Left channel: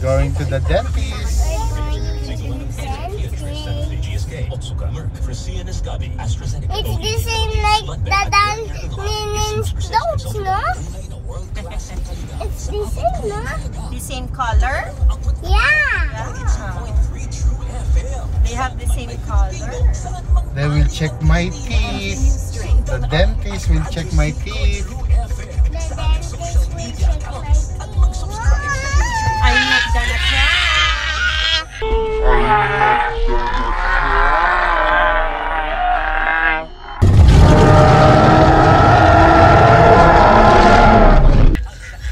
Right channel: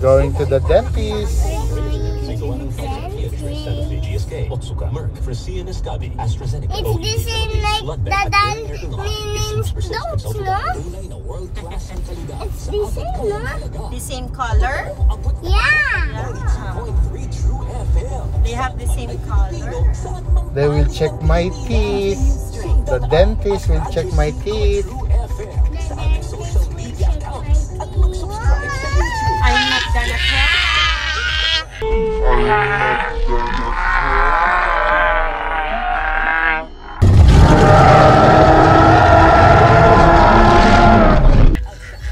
Going to the dentist. It's the same like the meanings dogs, no? It's the same, no? The same color? Yeah. They have the same color. They will check my teeth. The dentist will check my teeth. I'm not gonna cry. You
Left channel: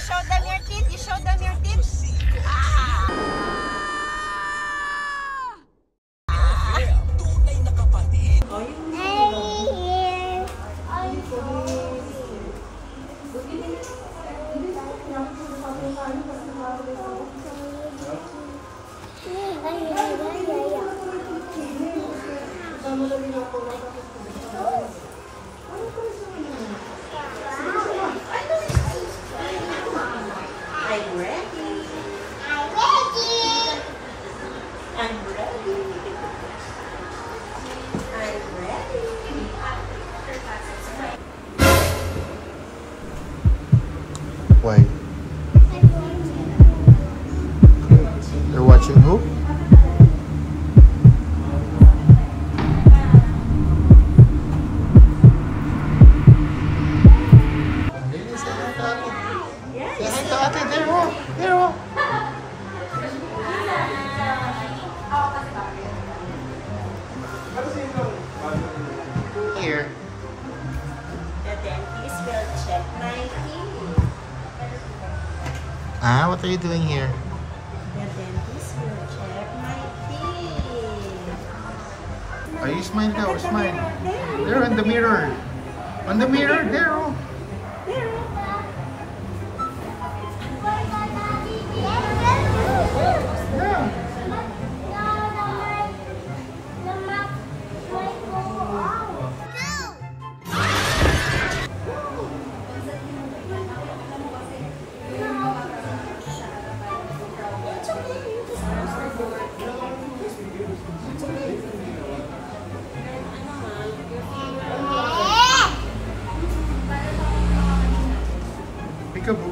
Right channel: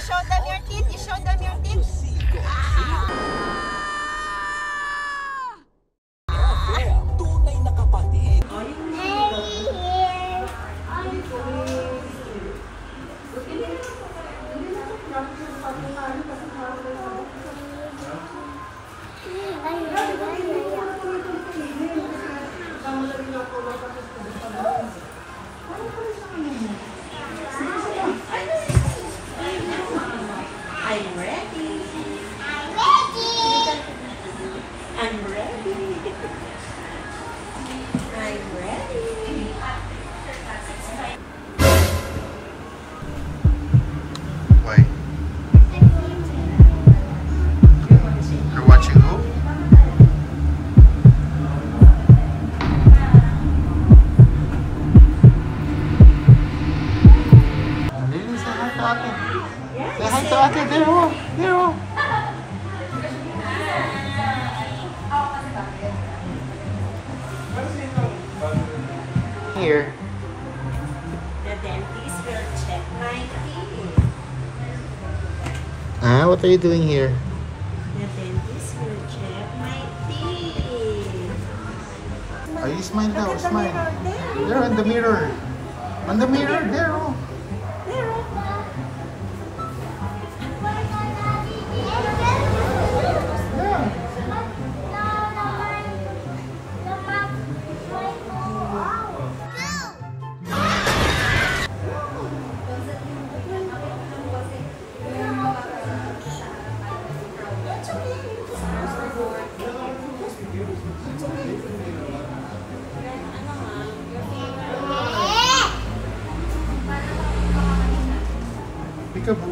show them your teeth. You show them your teeth. Why? You're watching who? Lily, say hi to Ate. Say hi to Ate. There, oh. There, oh. Here. The dentist will check my teeth. Ah, what are you doing here? The dentist will check my teeth. Are you smile now? Smile. There on the mirror. On the mirror, there. Oh. Peekaboo.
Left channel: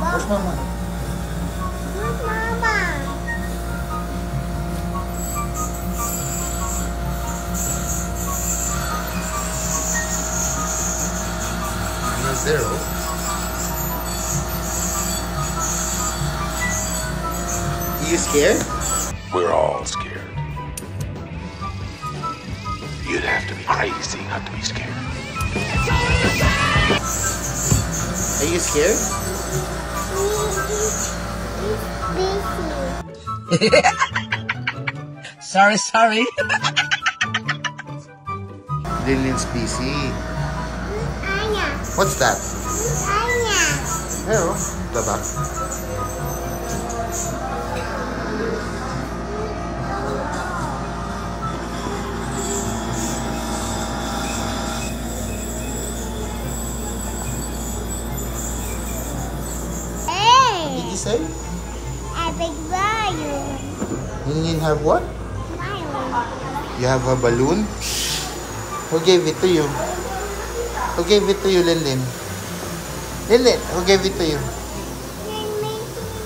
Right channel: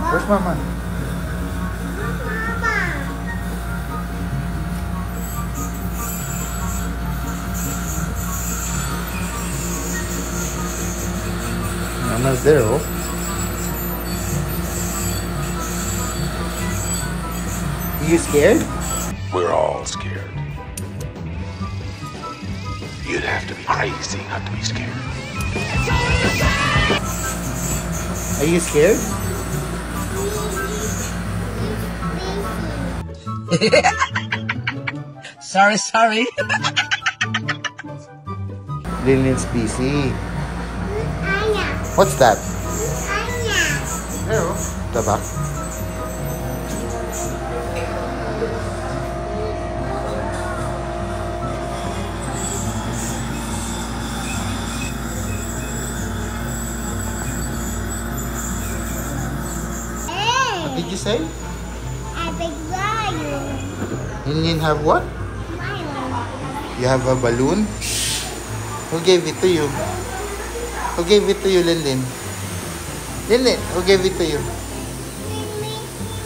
Where's Mama? Mama's there, oh. Are you scared? We're all scared. You'd have to be crazy not to be scared. Are you scared? Sorry. Lillian's busy. What's that? There, oh. The back. What did you say? A big lion. Lillian have what? Lion. You have a balloon? Who gave it to you? Who gave it to you, Lillian? Lillian, who gave it to you?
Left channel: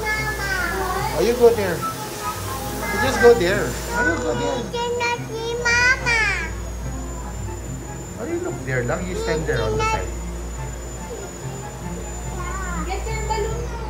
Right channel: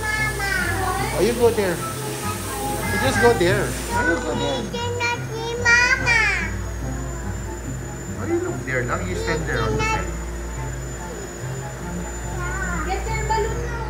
Mama. Oh, you go there. You just go there. Oh, you go there. Cannot see Mama. Oh, you look there lang. You stand there on the side. Get your balloon now.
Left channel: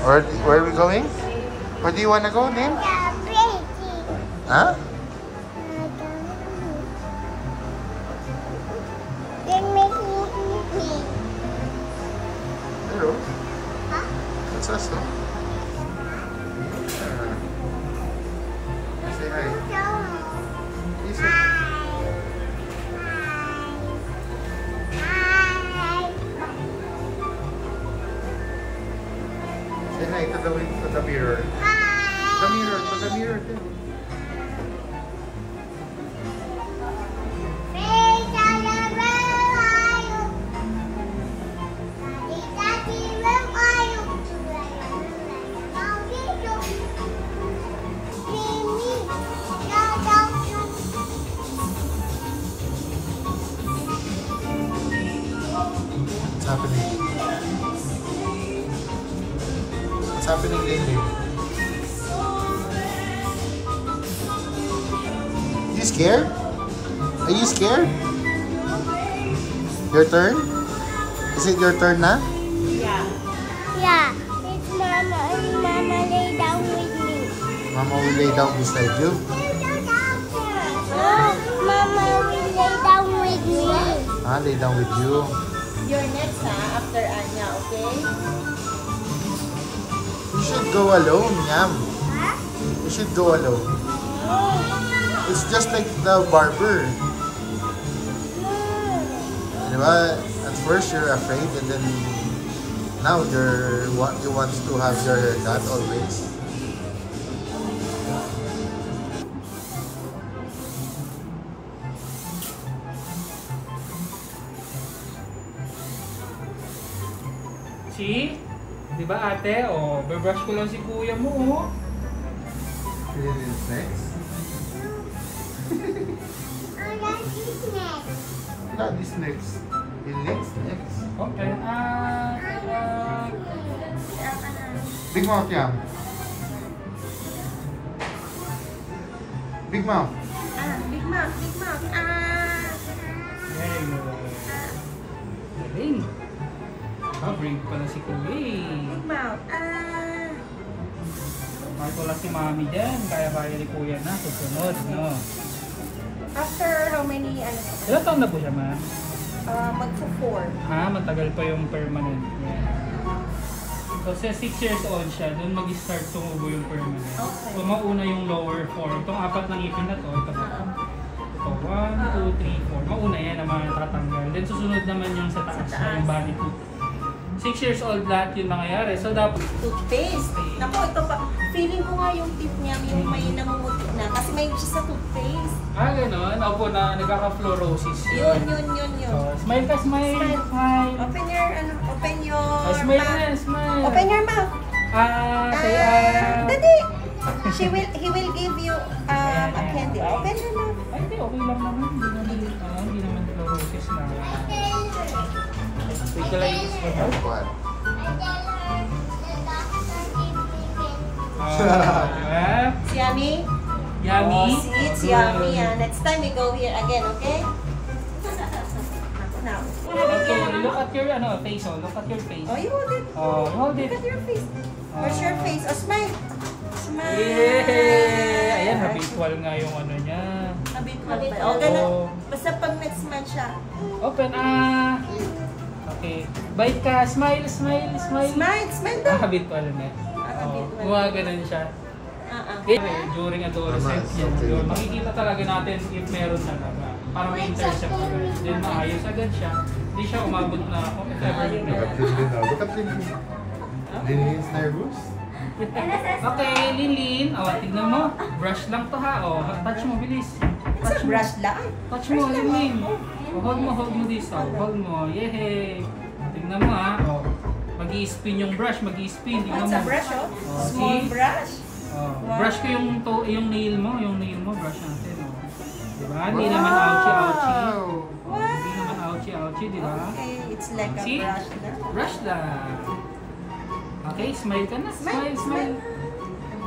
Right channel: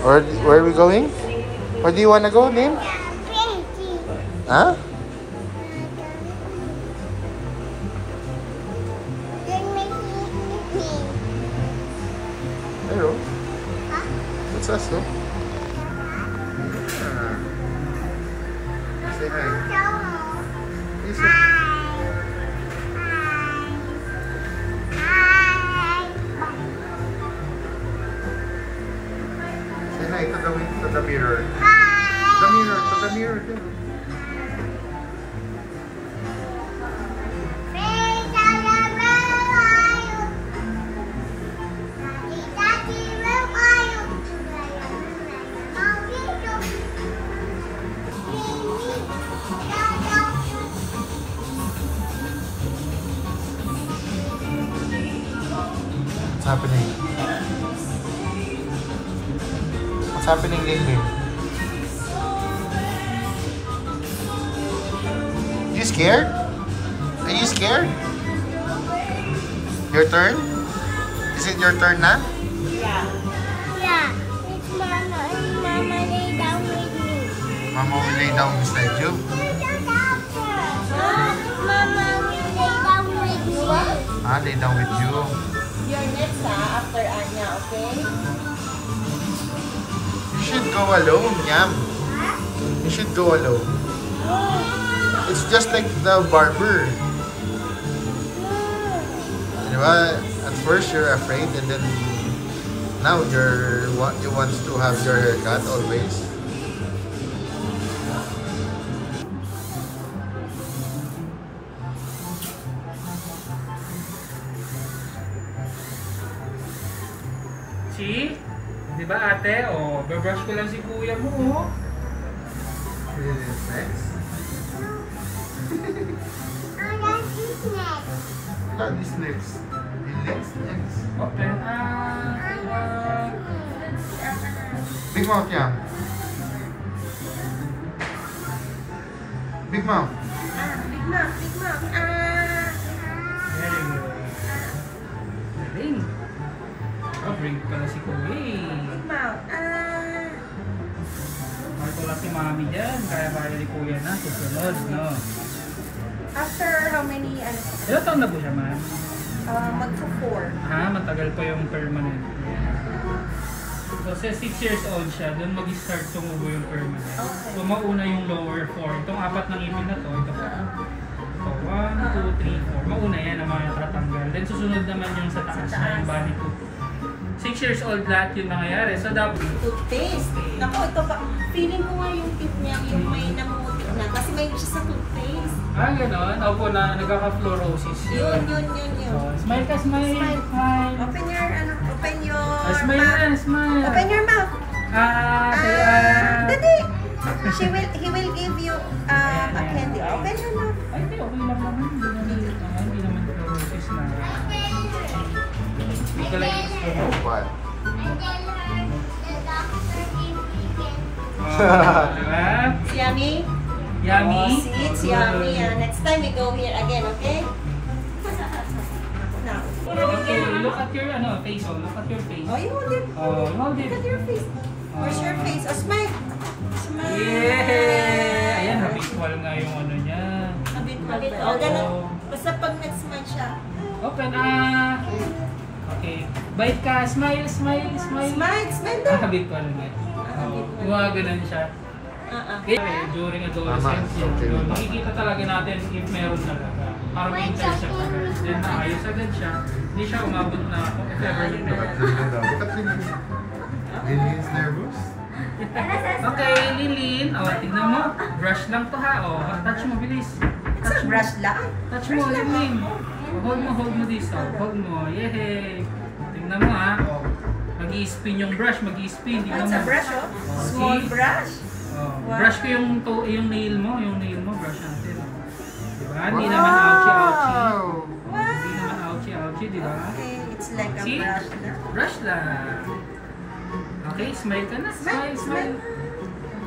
Where are we going? Where do you wanna go, Lynn? Huh? Hello. That's us, no? Yeah. Say hi. You say Say hi to the mirror. The mirror, to the mirror too. What's happening? What's happening, Lynn? You scared? Are you scared? Your turn? Is it your turn now? Yeah. Yeah, it's Mama and Mama lay down with me. Mama will lay down beside you. Mama will lay down with me. Ah, lay down with you. You're next, after Anya, okay? You should go alone, Yam. You should go alone. It's just like the barber. Diba? At first you're afraid and then now you want to have your haircut always. See? Di ba ate? Oh, babrush ko lang si kuya mo. Oh. Next. That is next. Next. Open. Big mouth, Yam. Big mouth. Big mouth, big mouth. Very good. Galing. Oh, brave pala si kuya eh. Big mouth. Mahal ko lang si mami dyan. Kaya ni kuya na. Susunod, no? After how many, Ilan taon na po siya, man? mag-4. Matagal pa yung permanent. Yeah. So, sa 6 years old siya, doon mag-start tumubo yung permanent. Okay. So, mauna yung lower 4. Itong 4 ng ipin na to, ito pa. Ito, 1, 2, 3, 4. Mauna yan ang mga tatanggal. Then, susunod naman yung sa taas na yung body tooth. 6 years old lahat yung nangyayari. So, dapat... Toothpaste. Naku, ito pa. Feeling ko nga yung teeth niya, yung may namumuti na. Kasi may siya sa toothpaste. Ganon. Opo na nagkaka-fluorosis. Yun. So, smile ka, smile. Smile. Open your, Smile mouth. na, smile. Open your mouth. Say Daddy. He will give you a candy. Open your mouth. Ay, hindi. Okay lang naman. Hindi naman fluorosis na. Ito lang yung smile. What? Diba? It's yummy? Yummy. Oh, see, it's yummy. Next time we go here again, okay? Now. Okay, look at your face. Oh, look at your face. Oh, you hold it. Oh, you hold it. Look at your face. Where's your face? Oh, smile. Smile. Yay! Ayan, habitual nga yung ano niya. Habitual. Oh, ganun. Basta pag nag-smile siya. Open, Okay. Bite ka. Smile. Smile daw. Habitual nga. Habitual. Ganun siya. Okay, during adolescence, makikita talaga natin if meron talaga. Para may intercept agad. Then naayos agad siya. Hindi siya umabot na if ever yun. Look at Lynn. Lynn is nervous. Okay, Lilin. Tignan mo. Brush lang to ha. Touch mo, bilis. It's a brush lang. Touch mo, Lilin. Hold mo this. Hold mo. Yehey. Tingnan mo ha. Mag-i-spin yung brush. Mag-i-spin. It's a brush, oh. Small see? brush. Brush ko yung nail mo. Brush natin. Diba? Hindi naman ouchie. Hindi naman ouchie, diba? Okay, it's like a See? brush na. Brush lang. Okay, smile ka na. Smile.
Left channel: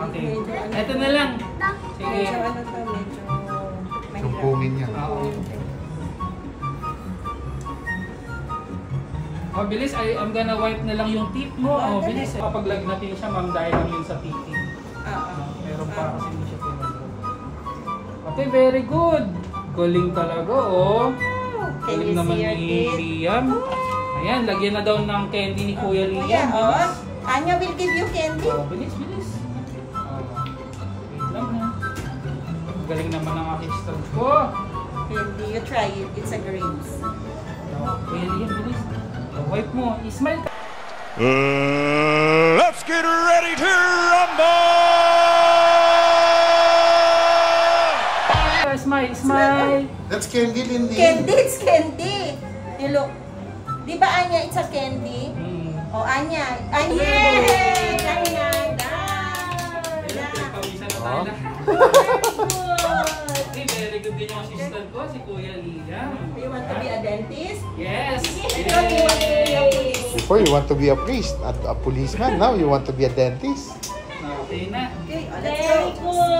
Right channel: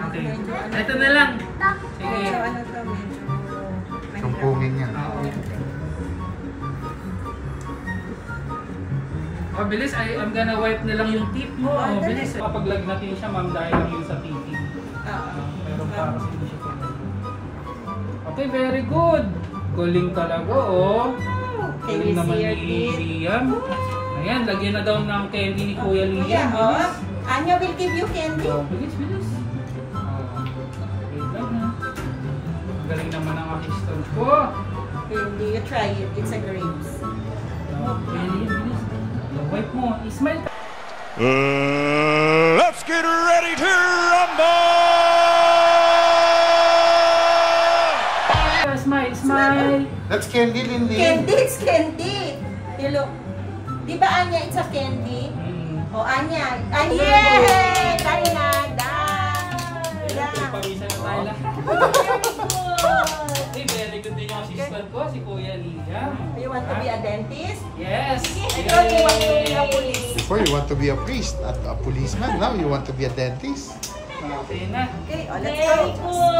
Okay. Ito na lang. Sige. Medyo medyo mahirap. Sumpungin yan. Oo. Oh, bilis. I'm gonna wipe na lang yung teeth mo. Oh, bilis. Kapag lagnatin siya, ma'am, dahil lang yun sa teething. Meron pa kasi hindi siya pinag-go. Okay, very good. Galing talaga, oh. Can Galing you naman see your ni teeth? Liam. Ayan, lagyan na daw ng candy ni Kuya Liam. Kuya, Bilis. Anya will give you candy. Oh, bilis. Wait lang ha. Galing naman ang assistant ko. Candy, you try it. It's a grapes. Kuya Liam, bilis. Wipe mo. Smile ka. Let's get ready to rumble! Smile. That's candy, Lindy. Candy, it's candy. You look. Di ba, Anya, it's a candy? Oh, Anya. Yay! Tayo na. Pawisan na tayo lahat. Very good din yung assistant ko, si Kuya Liam. You want to be a dentist? Yes. Ikaw, you want to be a police? Before you want to be a priest, a policeman. Now you want to be a dentist. Okay na. Okay, let's go.